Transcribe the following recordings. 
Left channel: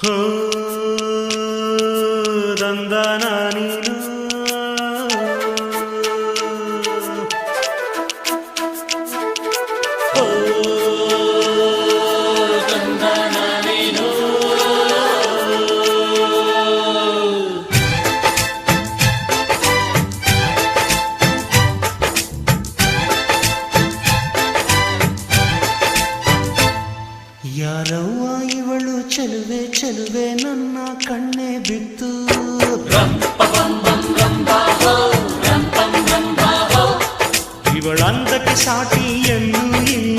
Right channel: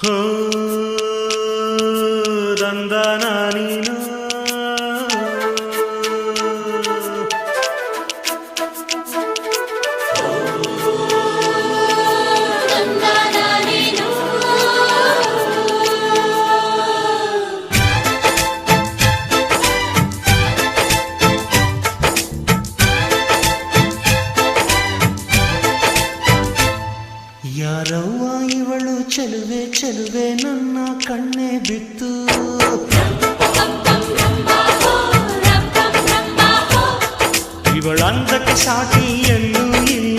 ഹ ദന്ദ നീന ಇವಳು ಚೆಲುವೆ ಚೆಲುವೆ ನನ್ನ ಕಣ್ಣೆ ಬಿತ್ತು ಇವಳಂದಕ್ಕೆ ಸಾಟಿ ಎಲ್ಲೂ ಇಲ್ಲ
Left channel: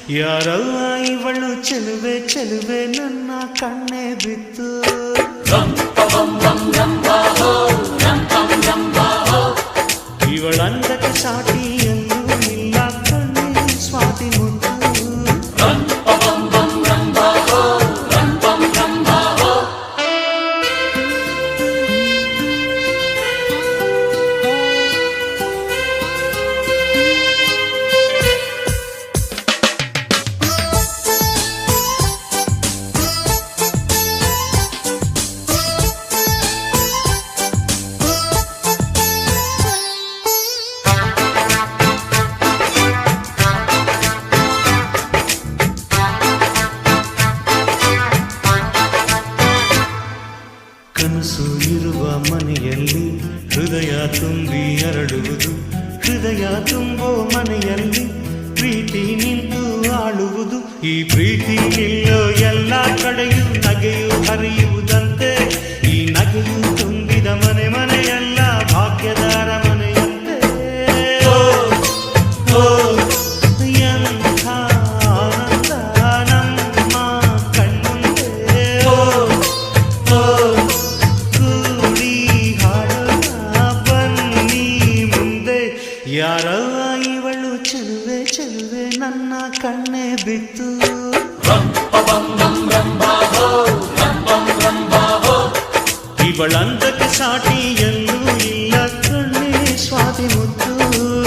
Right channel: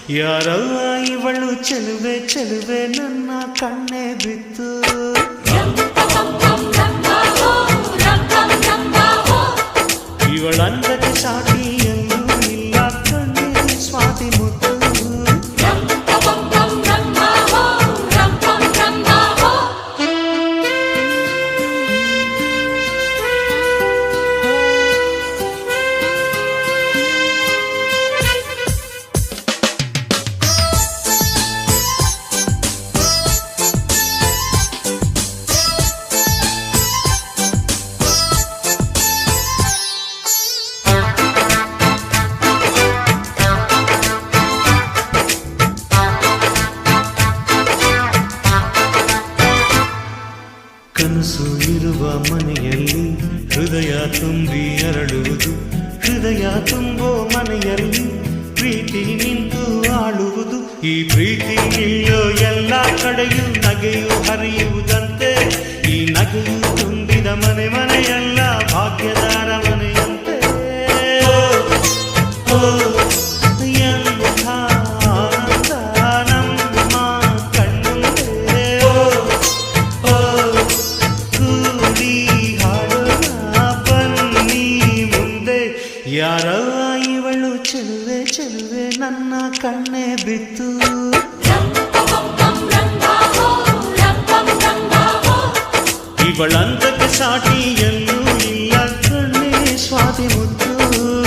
ಉಂಟು ಯಾರವ್ವ ಇವಳು ಚೆಲುವೆ ಚೆಲುವೆ ನನ್ನ ಕಣ್ಣೆ ಬಿತ್ತು ಇವಳಂದಕ್ಕೆ ಸಾಟಿ ಎಲ್ಲೂ ಇಲ್ಲ ಕಣ್ಣೆ ಸ್ವಾತಿ ಮುತ್ತು ಕನಸು ಇರುವ ಮನೆಯಲ್ಲಿ ಹೃದಯ ತುಂಬಿ ಅರಳುವುದು ಹೃದಯ ತುಂಬೋ ಮನೆಯಲ್ಲಿ ಪ್ರೀತಿ ನಿಂತು ಆಳುವುದು ಈ ಪ್ರೀತಿ ನಿಲ್ಲೋ ಎಲ್ಲ ಕಡೆಯೂ ನಗೆಯು ಹರಿಯುವುದಂತೆ ಈ ನಗೆಯು ತುಂಬಿದ ಮನೆ ಮನೆಯೆಲ್ಲ ಭಾಗ್ಯದಾರ ಮನೆಯಂತೆ ಓ, ಯಾರವ್ವ ಇವಳು? ಚೆಲುವೆ ಚೆಲುವೆ ನನ್ನ ಕಣ್ಣೆ ಬಿತ್ತು. ಇವಳಂತಕ್ಕೆ ಸಾಟಿ ಎಲ್ಲೂ ಇಲ್ಲ ಕಣ್ಣೆ ಸ್ವಾತಿ ಮುತ್ತು.